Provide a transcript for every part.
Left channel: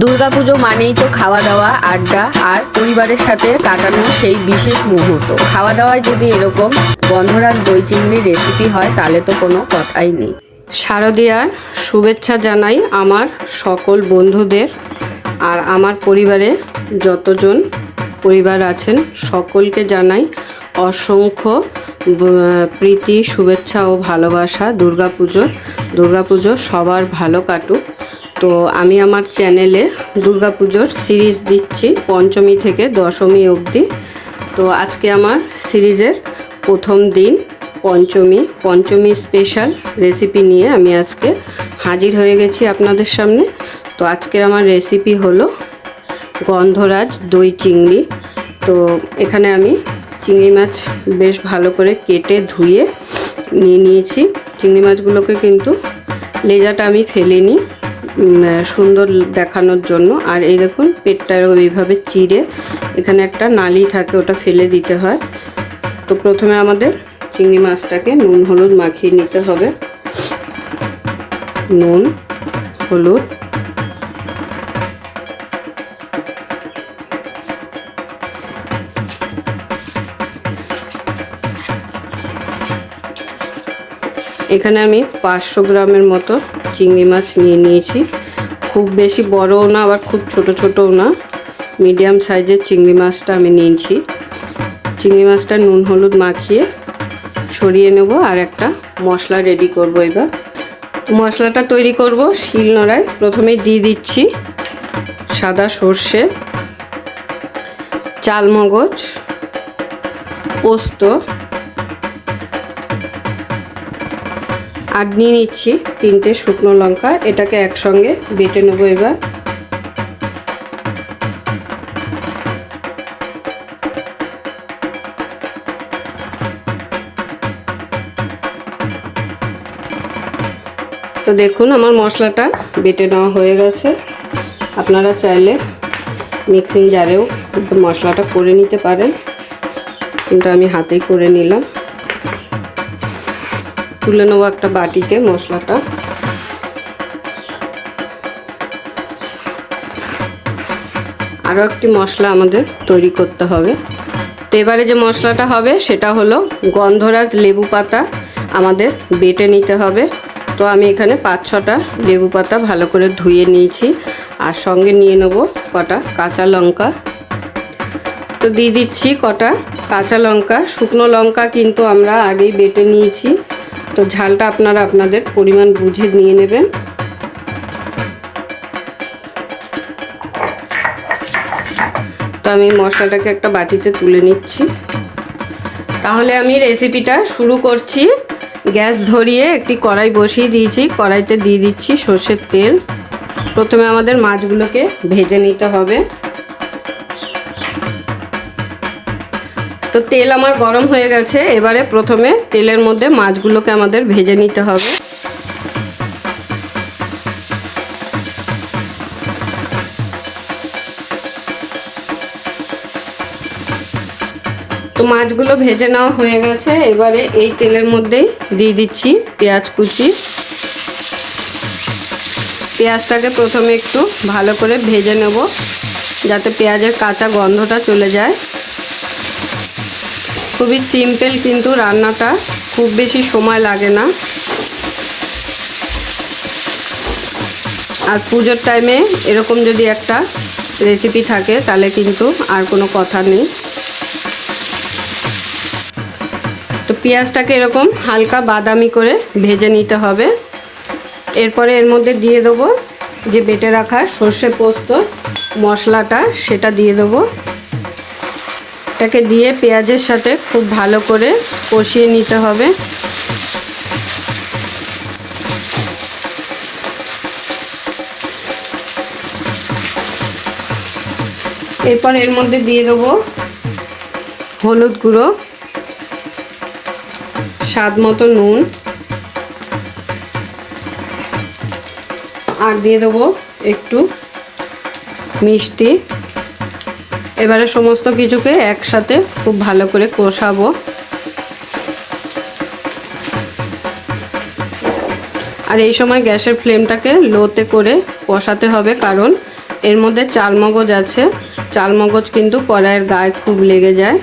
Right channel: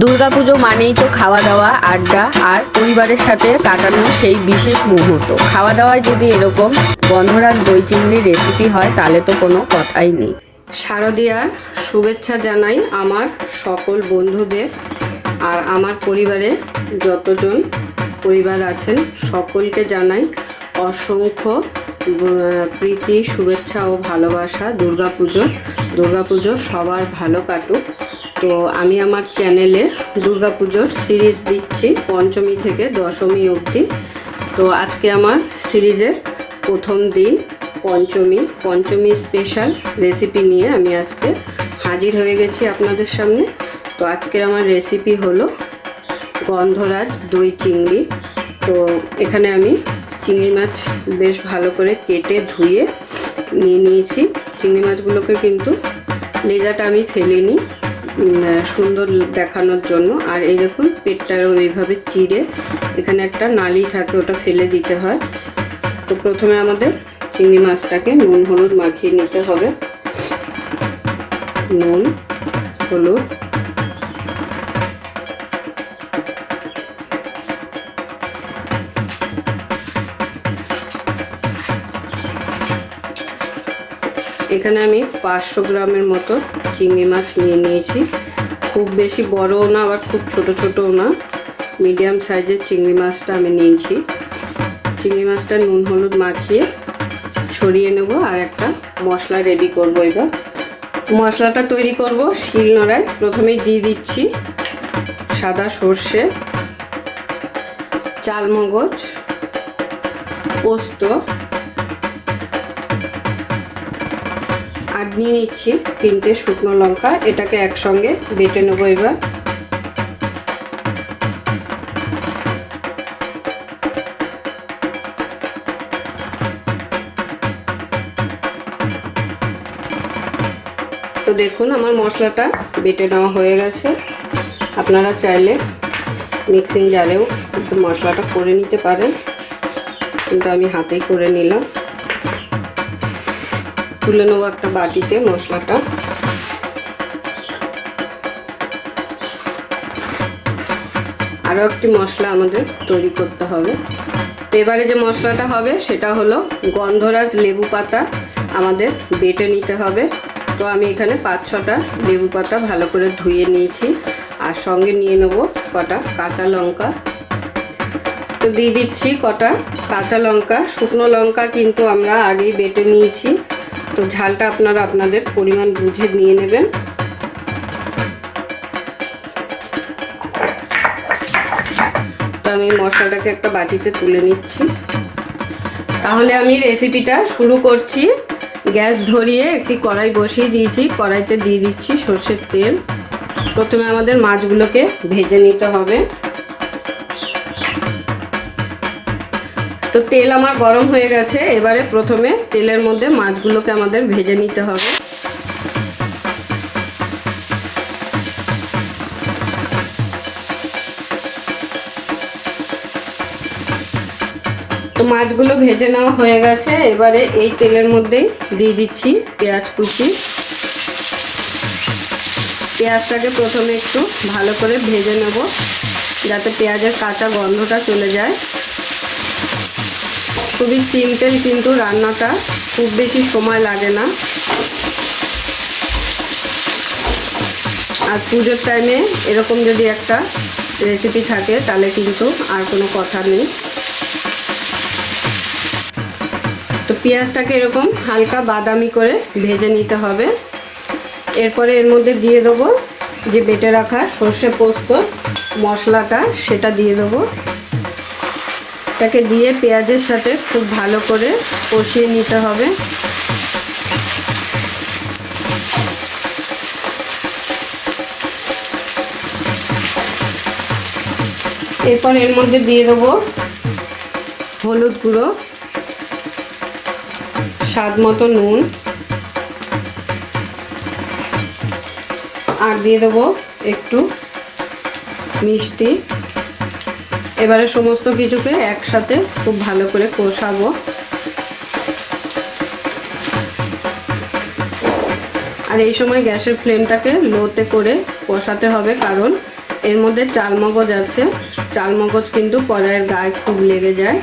দুর্গাপুজো মানেই তো খাওয়া দাওয়া, আড্ডা আর পরিবারের সাথে কাটানো সেই বিশেষ মুহূর্ত। খাওয়া দাওয়ায় যদি এরকম গন্ধরাজ দই চিংড়ির রেসিপি হয় তাহলে তো কোনো কথাই নেই। শারদীয়ার শুভেচ্ছা জানাই আমার সকল বন্ধুদের আর আমার পরিবারে যতজন পরিবার আছেন সকলকে জানাই অসংখ্য প্রীতি, শুভেচ্ছা ও ভালোবাসা। দুর্গাপুজো সবার ভালো কাটুক। তো আমি আমার চ্যানেলে দুর্গাপুজোর সিরিজ দিচ্ছি পঞ্চমী থেকে দশমী অবধি। তো আজকে আমার সিরিজের প্রথম দিন পঞ্চমী স্পেশাল রেসিপি নিয়ে আমি আজকে হাজির হয়ে গেছি আপনাদের সামনে। তো আজকে আমার রেসিপি হলো গন্ধরাজ দই চিংড়ি। তো এখানে আমি চিংড়ি মাছ বেশ ভালো করে কেটে ধুয়ে নিয়ে নিয়েছি। চিংড়ি মাছগুলোকে কিন্তু লেজাটা আমি ফেলিনি, সুন্দর দেখানোর জন্য। আর এই দেখুন পেটটারও এইভাবে চিড়ে এখানে একটা নালি থাকে, ওটা ফেলে দিতে হয়। তো প্রথমে আমাদের চিংড়ি মাছটাকে নুন হলুদ মাখিয়ে নিতে হবে। নুন হলুদ এখানে আমি 500 গ্রামের মতো চিংড়ি মাছ নিয়ে নিয়েছি। খুব বেশি বড়ও না আবার খুব ছোটও না, মিডিয়াম সাইজের চিংড়ি মাছটা আমি নিয়েছি। চিংড়ি মাছটা নুন হলুদ মাখিয়ে ছড়িয়ে নেব আর একটা মশলা রেডি করব। এবার মশলাটা তৈরি করব শিলনোড়ায়। প্রথমেই দিয়ে দিচ্ছি সাদা সর্ষে, চালমগজ, পোস্ত আর নিয়ে নিচ্ছি 3টে শুকনো লঙ্কা। এটাকে একসঙ্গে বেটে নেবো। এবার তো দেখুন আমার মশলাটা বেটে নেওয়া হয়ে গেছে। আপনারা চাইলে মিক্সিং জারেও মশলাটা করে নিতে পারেন, কিন্তু আমি হাতেই করে নিলাম। তুলে নেবো একটা বাটিতে মশলাটা। আরও একটি মশলা আমাদের তৈরি করতে হবে। তো এবারে যে মশলাটা হবে সেটা হলো গন্ধরাজ লেবু পাতা আমাদের বেটে নিতে হবে। তো আমি এখানে 5-6টা লেবু পাতা ভালো করে ধুয়ে নিয়েছি আর সঙ্গে নিয়ে নেব কটা কাঁচা লঙ্কা। তো দিয়ে দিচ্ছি কটা কাঁচা লঙ্কা। শুকনো লঙ্কা কিন্তু আমরা আগেই বেটে নিয়েছি, তো ঝালটা আপনারা আপনাদের পরিমাণ বুঝে নিয়ে নেবেন। তো আমি মশলাটাকে একটা বাটিতে তুলে নিচ্ছি। তাহলে আমি রেসিপিটা শুরু করছি। গ্যাস ধরিয়ে একটি কড়াই বসিয়ে দিয়েছি। কড়াইতে দিয়ে দিচ্ছি সর্ষের তেল। প্রথমে আমাদের মাছগুলোকে ভেজে নিতে হবে। তো তেল আমার গরম হয়ে গেছে। এবারে প্রথমে তেলের মধ্যে মাছগুলোকে আমাদের ভেজে নিতে হবে। তো মাছগুলো ভেজে নেওয়া হয়ে গেছে। এবারে এই তেলের মধ্যেই দিয়ে দিচ্ছি পেঁয়াজ কুচি। পেঁয়াজটাকে প্রথমে একটু ভালো করে ভেজে নেব যাতে পেঁয়াজের কাঁচা গন্ধটা চলে যায়। খুবই সিম্পল, কিন্তু রান্নাটা খুব বেশি সময় লাগে না। আর পুজোর টাইমে এরকম যদি একটা রেসিপি থাকে তাহলে কিন্তু আর কোনো কথা নেই। তো পেঁয়াজটাকে এরকম হালকা বাদামি করে ভেজে নিতে হবে। এরপরে এর মধ্যে দিয়ে দেবো যে বেটে রাখা সর্ষে পোস্ত মশলাটা, সেটা দিয়ে দেবো। এটাকে দিয়ে পেঁয়াজের সাথে খুব ভালো করে কষিয়ে নিতে হবে। এরপর এর মধ্যে দিয়ে দেবো হলুদ গুঁড়ো, স্বাদ মতো নুন, আর দিয়ে দেবো একটু মিষ্টি। এবারে সমস্ত কিছুকে একসাথে খুব ভালো করে কষাবো। আর এই সময় গ্যাসের ফ্লেমটাকে লোতে করে কষাতে হবে, কারণ এর মধ্যে চালমগজ আছে, চালমগজ কিন্তু কড়াইয়ের গায়ে খুব লেগে যায়।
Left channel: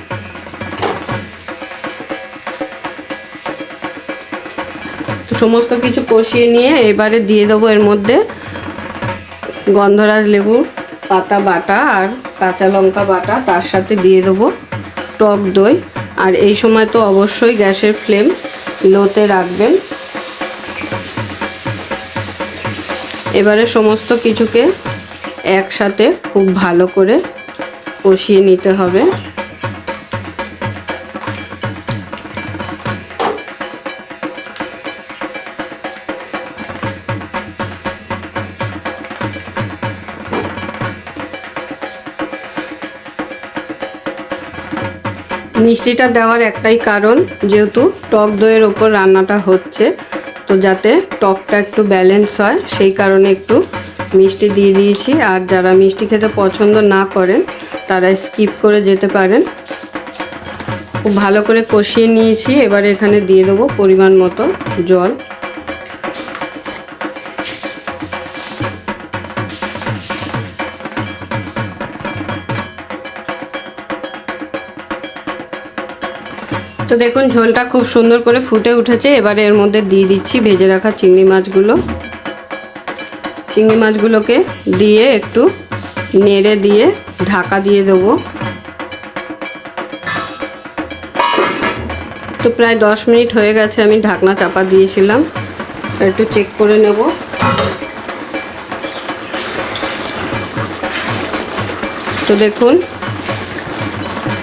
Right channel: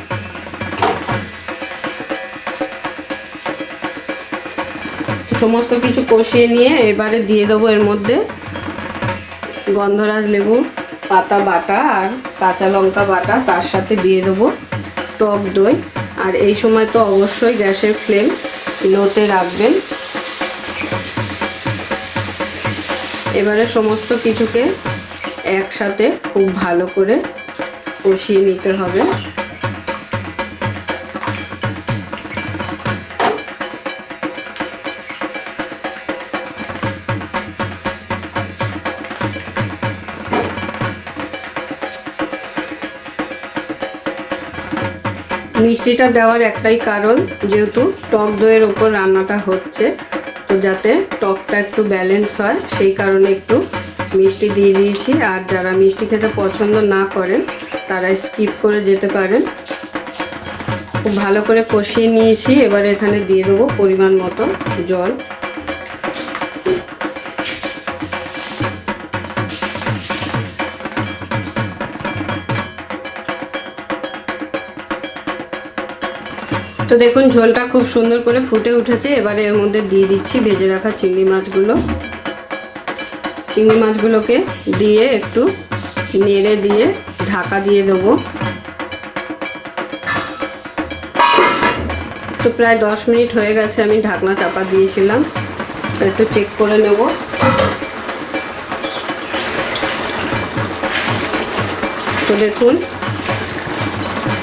সমস্ত কিছু কষিয়ে নিয়ে এবারে দিয়ে দেবো এর মধ্যে গন্ধরাজ লেবুর পাতা বাটা আর কাঁচা লঙ্কা বাটা, তার সাথে দিয়ে দেবো টক দই। আর এই সময় তো অবশ্যই গ্যাসের ফ্লেম লোতে রাখবেন। এবারে সমস্ত কিছুকে একসাথে খুব ভালো করে কষিয়ে নিতে হবে। মিষ্টিটা দেওয়ার একটাই কারণ, যেহেতু টক দইয়ের ওপর রান্নাটা হচ্ছে, তো যাতে টকটা একটু ব্যালেন্স হয় সেই কারণে একটু মিষ্টি দিয়ে দিয়েছি। আর যারা মিষ্টি খেতে পছন্দ না করেন তারা স্কিপ করে যেতে পারেন। খুব ভালো করে কষিয়ে নিয়েছি। এবারে এখানে দিয়ে দেবো পরিমাণ মতো জল। তো দেখুন ঝোলটা খুব সুন্দর করে ফুটে উঠেছে। এবারে এর মধ্যে দিয়ে দিচ্ছি ভেজে রাখা চিংড়ি মাছগুলো। চিংড়ি মাছগুলোকে দিয়ে একটু নেড়ে দিয়ে ঢাকা দিয়ে দেবো। তো প্রায় 10 মিনিট হয়ে গেছে, আমি ঢাকনা চাপা দিয়েছিলাম। একটু চেক করে নেব। তো দেখুন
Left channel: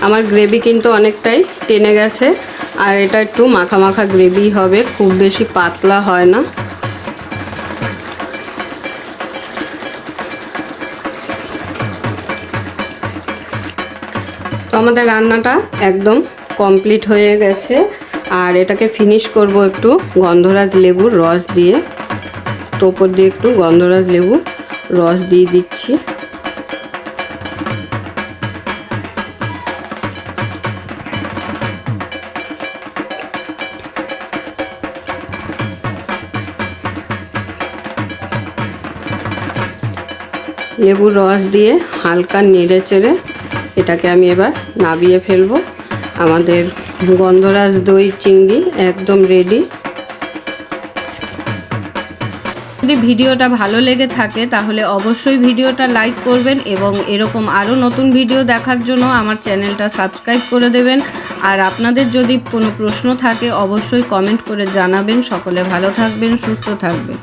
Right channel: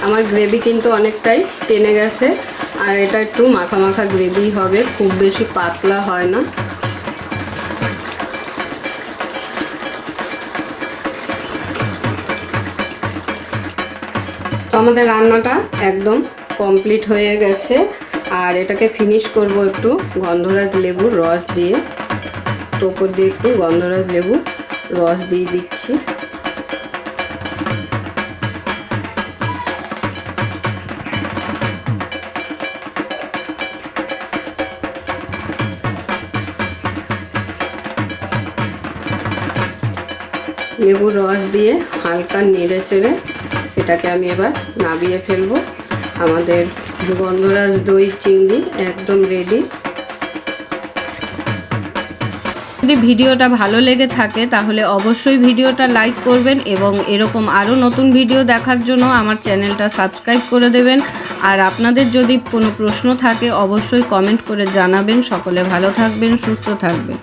আমার গ্রেভি কিন্তু অনেকটাই টেনে গেছে, আর এটা একটু মাখা মাখা গ্রেভি হবে, খুব বেশি পাতলা হয় না। তো আমাদের রান্নাটা একদম কমপ্লিট হয়ে গেছে। আর এটাকে ফিনিশ করব একটু গন্ধরাজ লেবুর রস দিয়ে। তো উপর দিয়ে একটু গন্ধরাজ লেবুর রস দিয়ে দিচ্ছি। লেবুর রস দিয়ে হালকা নেড়ে চেড়ে এটাকে আমি এবার নামিয়ে ফেলবো। আমাদের গন্ধরাজ দই চিংড়ি একদম রেডি। যদি ভিডিওটা ভালো লেগে থাকে তাহলে অবশ্যই ভিডিওটা লাইক করবেন এবং এরকম আরও নতুন ভিডিও দেখার জন্য আমার চ্যানেলটা সাবস্ক্রাইব করে দেবেন। আর আপনাদের যদি কোনো প্রশ্ন থাকে অবশ্যই কমেন্ট করে জানাবেন। সকলে ভালো থাকবেন, সুস্থ থাকবেন।